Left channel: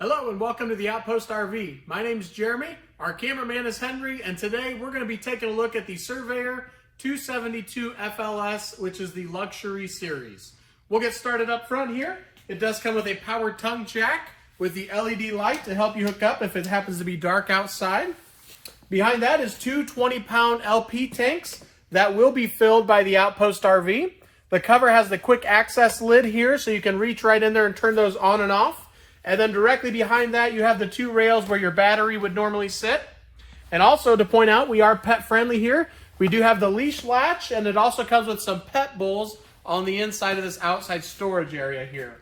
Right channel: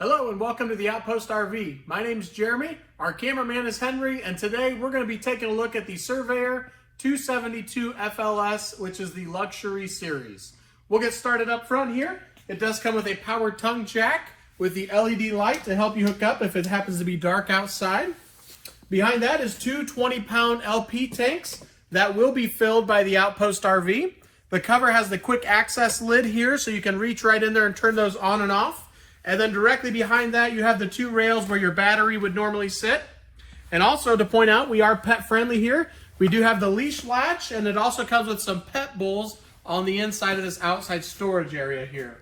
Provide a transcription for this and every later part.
Hello and welcome to the Outpost RV. My name is Jeremy, our cameraman is Henry, and today we're going to be taking a look at the Surveyor 272FLS, which is the luxury series. We'll get started up front here. It does come with a power tongue jack with the LED light to help you hook up if it happens to be dark outside. Behind that is two 20-pound LP tanks that will be filled by the Outpost RV. The cover has the quick access lid here so you can reach right in there and turn those on and off. And then directly behind that, you have the two rails where your battery would normally sit. And also to point out, we are pet friendly here. We do have the leash latch, and it also comes with some pet bowls on the inside of this outside storage area here.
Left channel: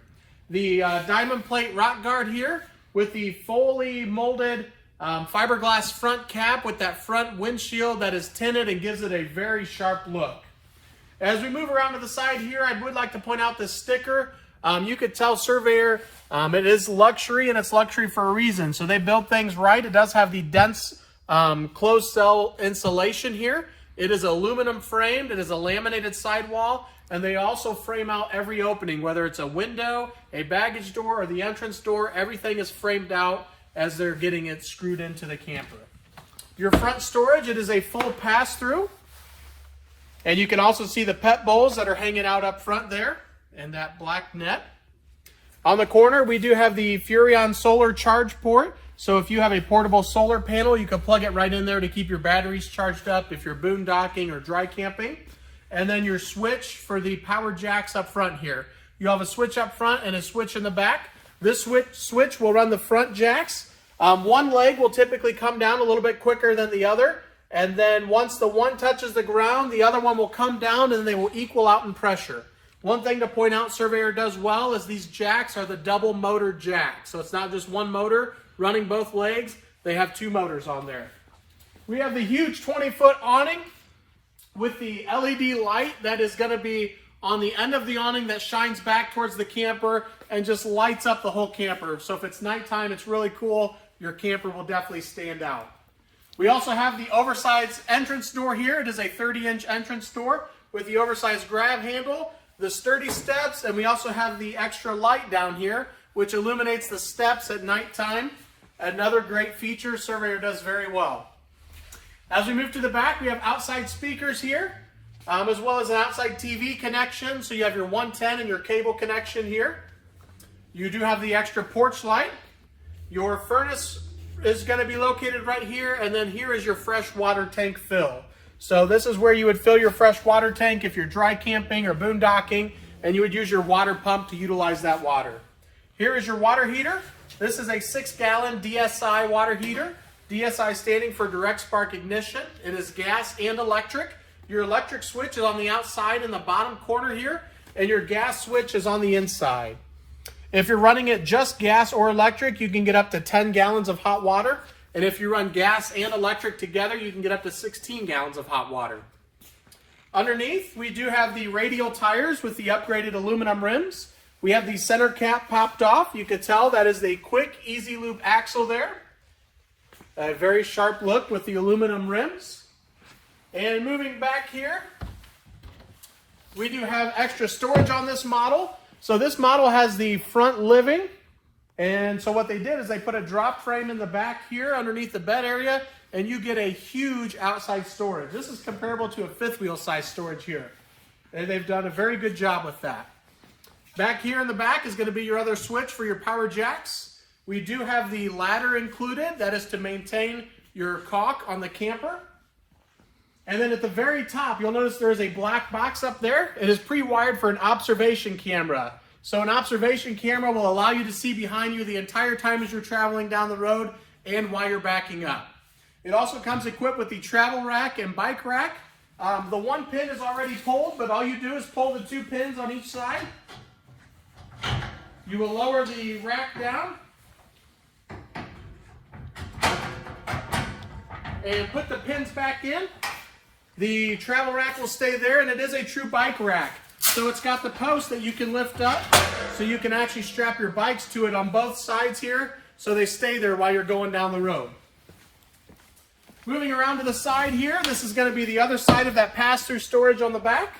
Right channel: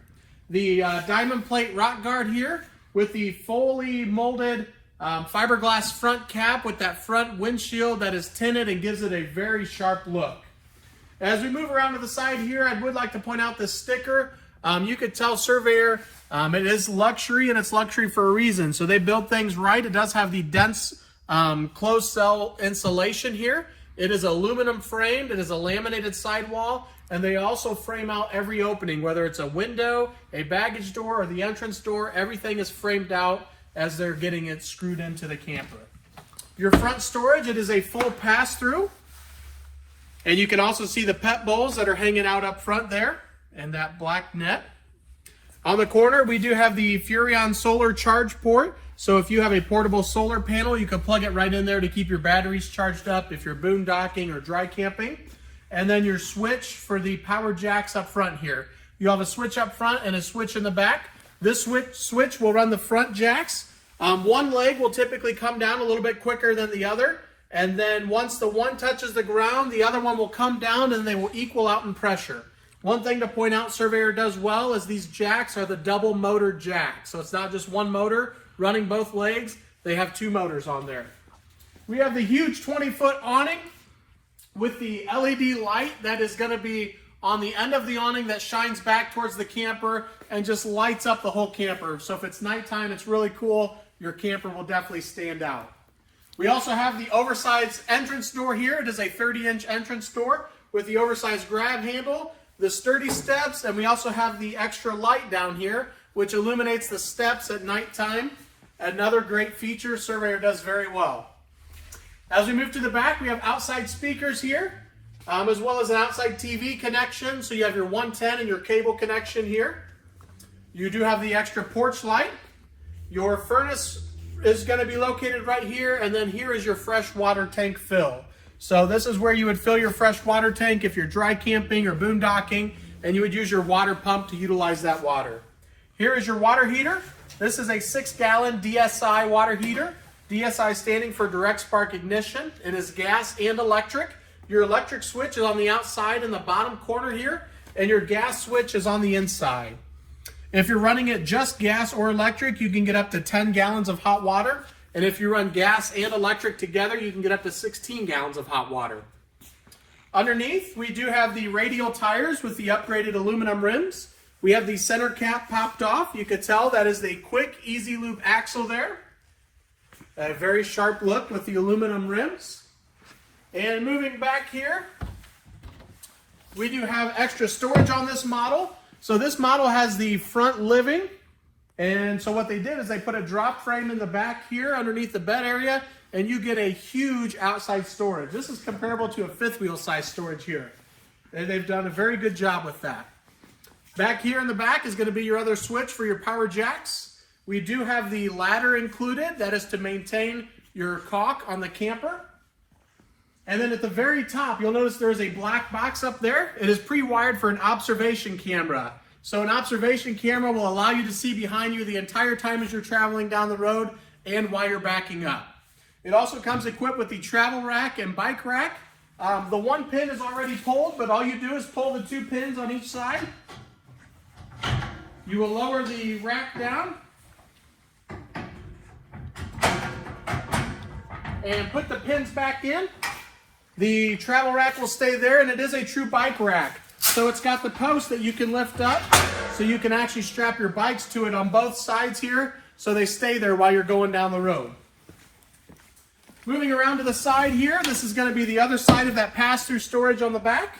The diamond plate rock guard here with the fully molded fiberglass front cap with that front windshield that is tinted and gives it a very sharp look. As we move around to the side here, I would like to point out this sticker. You could tell Surveyor it is luxury, and it's luxury for a reason. So they build things right. It does have the dense closed cell insulation here. It is aluminum framed. It is a laminated sidewall, and they also frame out every opening, whether it's a window, a baggage door, or the entrance door. Everything is framed out as they're getting it screwed into the camper. Your front storage, it is a full pass-through, and you can also see the pet bowls that are hanging out up front there and that black net. On the corner, we do have the Furrion solar charge port. So if you have a portable solar panel, you can plug it right in there to keep your batteries charged up if you're boondocking or dry camping. And then your switch for the power jacks up front here. You have a switch up front and a switch in the back. This switch will run the front jacks. One leg will typically come down a little bit quicker than the other. And then once the one touches the ground, the other one will come down and they will equal out in pressure. One thing to point out Surveyor does well is these jacks are the double motor jacks. So it's not just one motor running both legs. They have two motors on there. We have the huge 20-foot awning with the LED light that is going to be on the end of the awning that shines back towards the camper and just lights up the whole camper. So if it's nighttime, it's really cool. Your camper will definitely stand out. We also have the oversized entrance door here. It is a 30-inch entrance door with the oversized grab handle, the sturdy steps, and we also have the extra light down here, which illuminates the steps at nighttime. Another great feature Surveyor does very well. As we move to the back, we have outside speakers here, as well as an outside TV connection. So you have your 110 and your cable connection here. You do have the extra porch light. Your furnace is going to be located right here, and then here is your fresh water tank fill. So this is where you would fill your fresh water tank if you're dry camping or boondocking, and you would use your water pump to utilize that water. Here is your water heater. This is a 6-gallon DSI water heater. DSI standing for direct spark ignition. It is gas and electric. Your electric switch is on the outside in the bottom corner here, and your gas switch is on the inside. If you're running it just gas or electric, you can get up to 10 gallons of hot water. And if you run gas and electric together, you can get up to 16 gallons of hot water. Underneath, we do have the radial tires with the upgraded aluminum rims. We have the center cap popped off. You can tell that is the quick, easy loop axle there. A very sharp look with the aluminum rims. And moving back here, we do have extra storage on this model. So this model has the front living. And so what they did is they put a drop frame in the back here underneath the bed area, and you get a huge outside storage. This is comparable to a fifth wheel size storage here. And they've done a very good job with that. Back here in the back is going to be your other switch for your power jacks. We do have the ladder included. That is to maintain your caulk on the camper. And then at the very top, you'll notice there is a black box up there. It is pre-wired for an observation camera. So an observation camera will allow you to see behind you the entire time as you're traveling down the road and while you're backing up. It also comes equipped with the travel rack and bike rack. The one pin is already pulled, but all you do is pull the two pins on each side. You will lower the rack down and put the pins back in. The travel rack will stay there, and it is a true bike rack. So it's got the post that you can lift up, so you can actually strap your bikes to it on both sides here, so they stay there while you're going down the road. Moving around to the side here, this is going to be the other side of that pass-through storage on the back.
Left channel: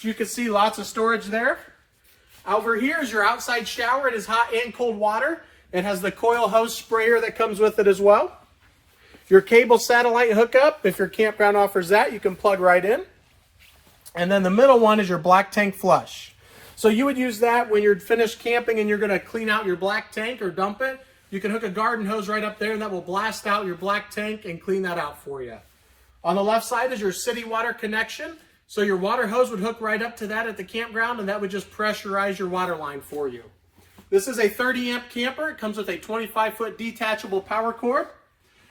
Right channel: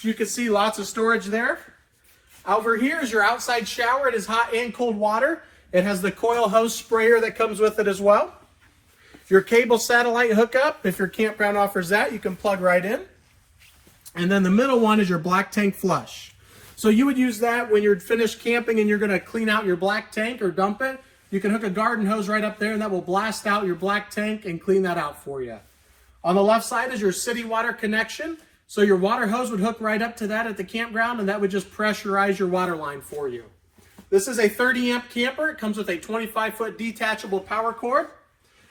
You can see lots of storage there. Over here is your outside shower. It is hot and cold water. It has the coil hose sprayer that comes with it as well. Your cable satellite hookup, if your campground offers that, you can plug right in. And then the middle one is your black tank flush. So you would use that when you're finished camping and you're going to clean out your black tank or dump it. You can hook a garden hose right up there and that will blast out your black tank and clean that out for you. On the left side is your city water connection. So your water hose would hook right up to that at the campground and that would just pressurize your water line for you. This is a 30 amp camper. It comes with a 25-foot detachable power cord.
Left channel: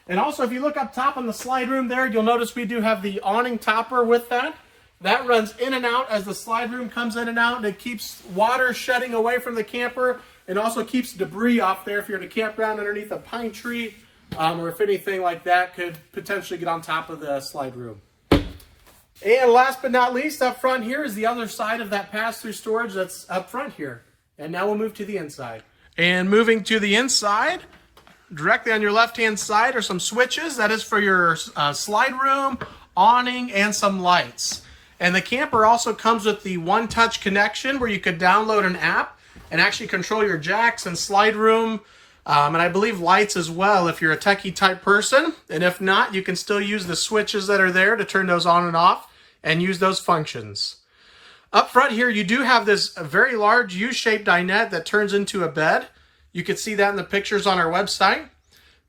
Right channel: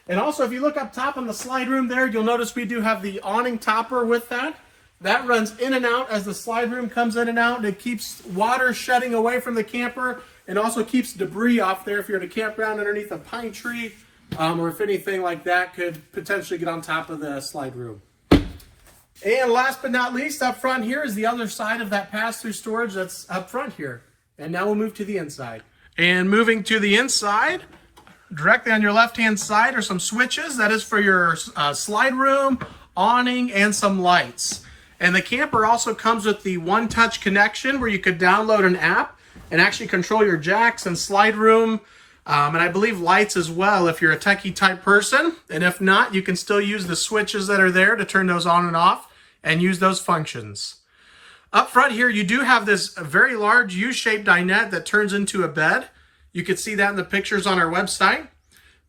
And also if you look up top on the slide room there, you'll notice we do have the awning topper with that. That runs in and out as the slide room comes in and out, and it keeps water shedding away from the camper and also keeps debris off there if you're in a campground underneath a pine tree or if anything like that could potentially get on top of the slide room. And last but not least, up front here is the other side of that pass-through storage that's up front here. And now we'll move to the inside. And moving to the inside, directly on your left-hand side are some switches. That is for your slide room, awning, and some lights. And the camper also comes with the one-touch connection where you could download an app and actually control your jacks and slide room, and I believe lights as well if you're a techie type person. And if not, you can still use the switches that are there to turn those on and off and use those functions. Up front here, you do have this very large U-shaped dinette that turns into a bed. You can see that in the pictures on our website.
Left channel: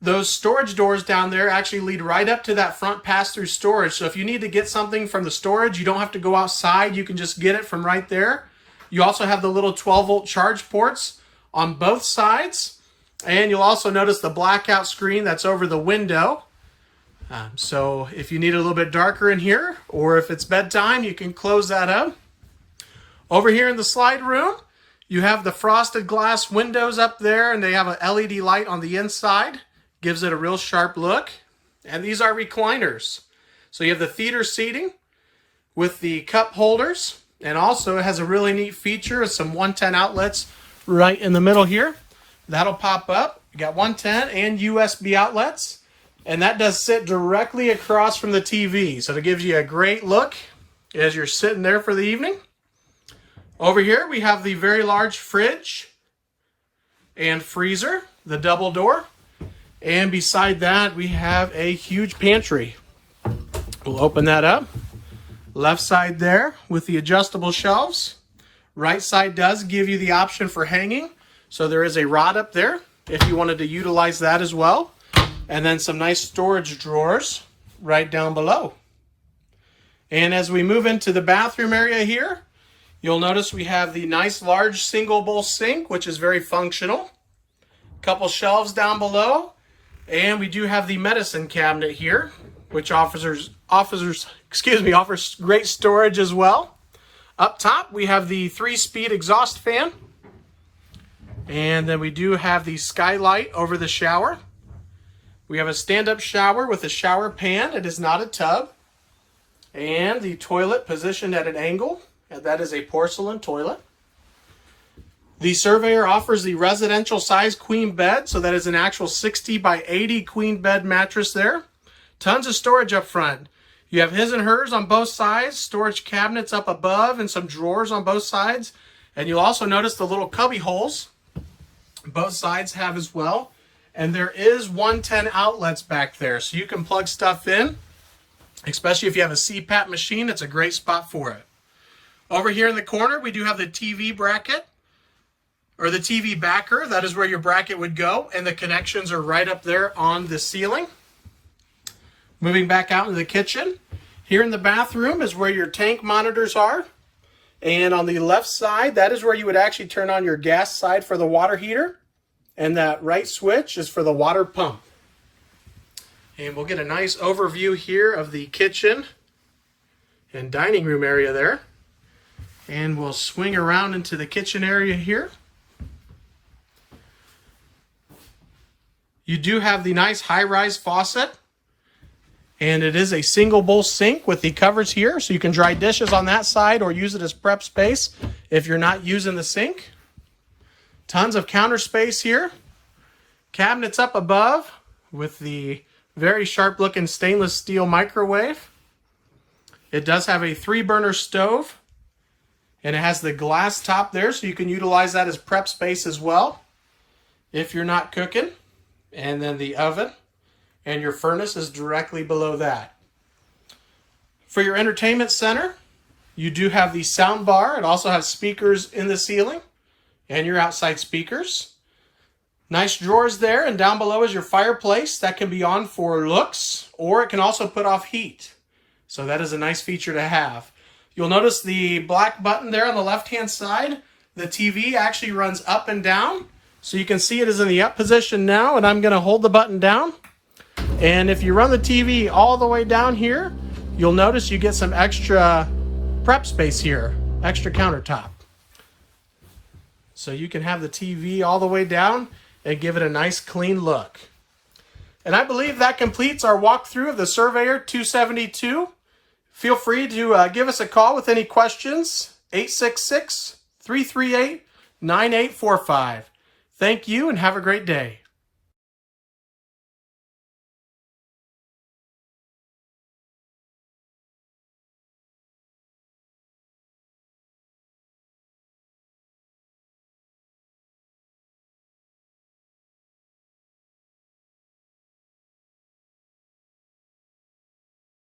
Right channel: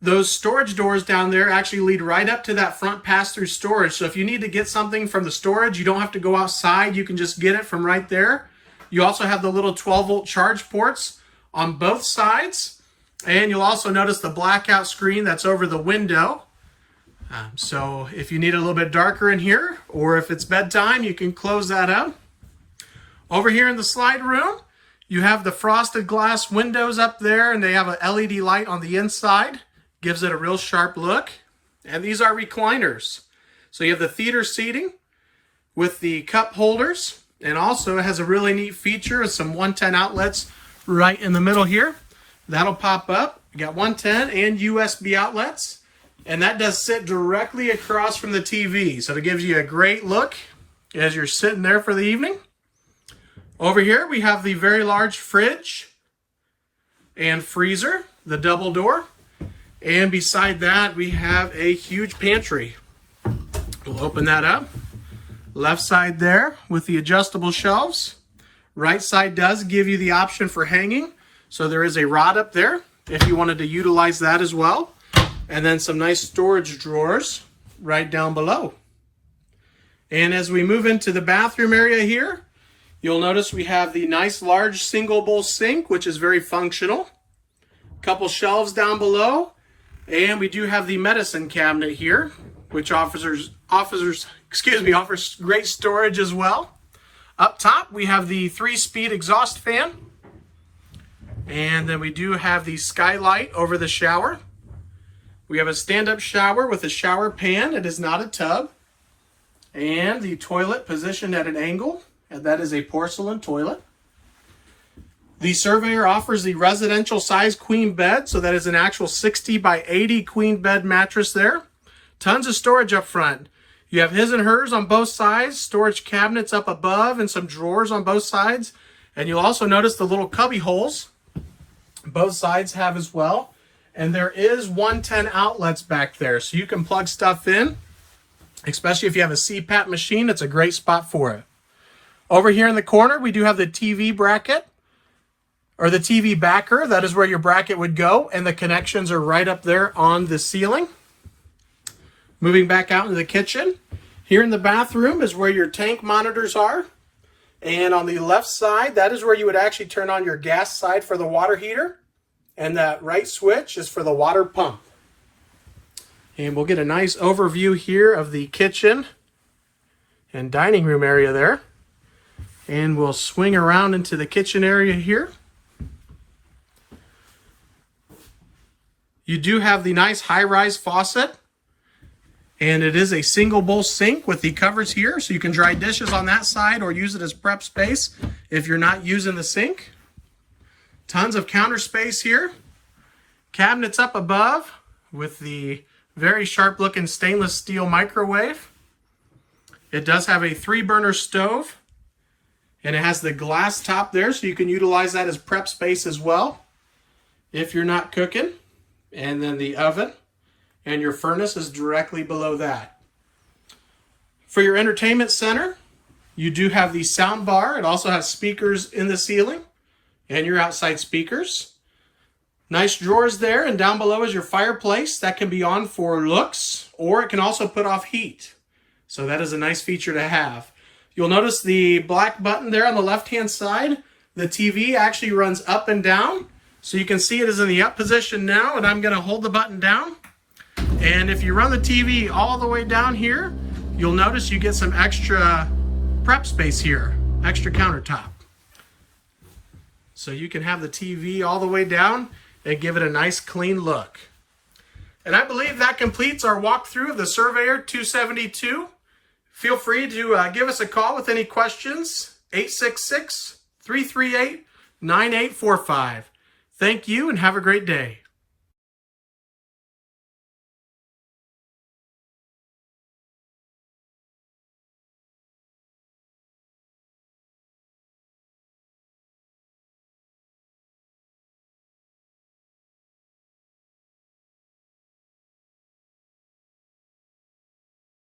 Those storage doors down there actually lead right up to that front pass-through storage. So if you need to get something from the storage, you don't have to go outside. You can just get it from right there. You also have the little 12-volt charge ports on both sides. And you'll also notice the blackout screen that's over the window. So if you need it a little bit darker in here, or if it's bedtime, you can close that up. Over here in the slide room, you have the frosted glass windows up there, and they have an LED light on the inside. Gives it a real sharp look. And these are recliners. So you have the theater seating with the cup holders. And also it has a really neat feature of some 110 outlets right in the middle here. That'll pop up. You got 110 and USB outlets. And that does sit directly across from the TV. So it gives you a great look as you're sitting there for the evening. Over here we have the very large fridge and freezer, the double door. And beside that, we have a huge pantry. We'll open that up. Left side there with the adjustable shelves. Right side does give you the option for hanging. So there is a rod up there if you wanted to utilize that as well. And then some nice storage drawers right down below. And as we move into the bathroom area here, you'll notice we have the nice large single bowl sink, which is very functional. Couple shelves down below. And we do have the medicine cabinet here, which offers great storage as well. Up top, we have the 3-speed exhaust fan. And then we do have the skylight over the shower. We have a stand-up shower with a shower pan. It is not a tub. And the toilet positioned at an angle, and that is a porcelain toilet. The Surveyor offers the residential size queen bed, so that is an actual 60 by 80 queen bed mattress there. Tons of storage up front. You have his and hers on both sides, storage cabinets up above, and some drawers on both sides. And you'll also notice the little cubby holes both sides have as well. And there is 110 outlets back there, so you can plug stuff in, especially if you have a CPAP machine. It's a great spot for it. Over here in the corner, we do have the TV bracket, or the TV backer. That is where your bracket would go, and the connections are right up there on the ceiling. Moving back out into the kitchen, here in the bathroom is where your tank monitors are. And on the left side, that is where you would actually turn on your gas side for the water heater. And that right switch is for the water pump. And we'll get a nice overview here of the kitchen and dining room area there. And we'll swing around into the kitchen area here. You do have the nice high-rise faucet. And it is a single bowl sink with the covers here, so you can dry dishes on that side or use it as prep space if you're not using the sink. Tons of counter space here. Cabinets up above with the very sharp looking stainless steel microwave. It does have a 3-burner stove, and it has the glass top there, so you can utilize that as prep space as well. if you're not cooking. And then the oven and your furnace is directly below that. For your entertainment center, you do have the sound bar. It also has speakers in the ceiling and your outside speakers. Nice drawers there, and down below is your fireplace. That can be on for looks, or it can also put off heat. So that is a nice feature to have. You'll notice the black button there on the left-hand side. The TV actually runs up and down. So you can see it is in the up position now, and I'm going to hold the button down. And if you run the TV all the way down here, you'll notice you get some extra prep space here, extra countertop. So you can have the TV all the way down and give it a nice clean look. And I believe that completes our walkthrough of the Surveyor 272. Feel free to give us a call with any questions, 866-338-9845. Thank you and have a great day.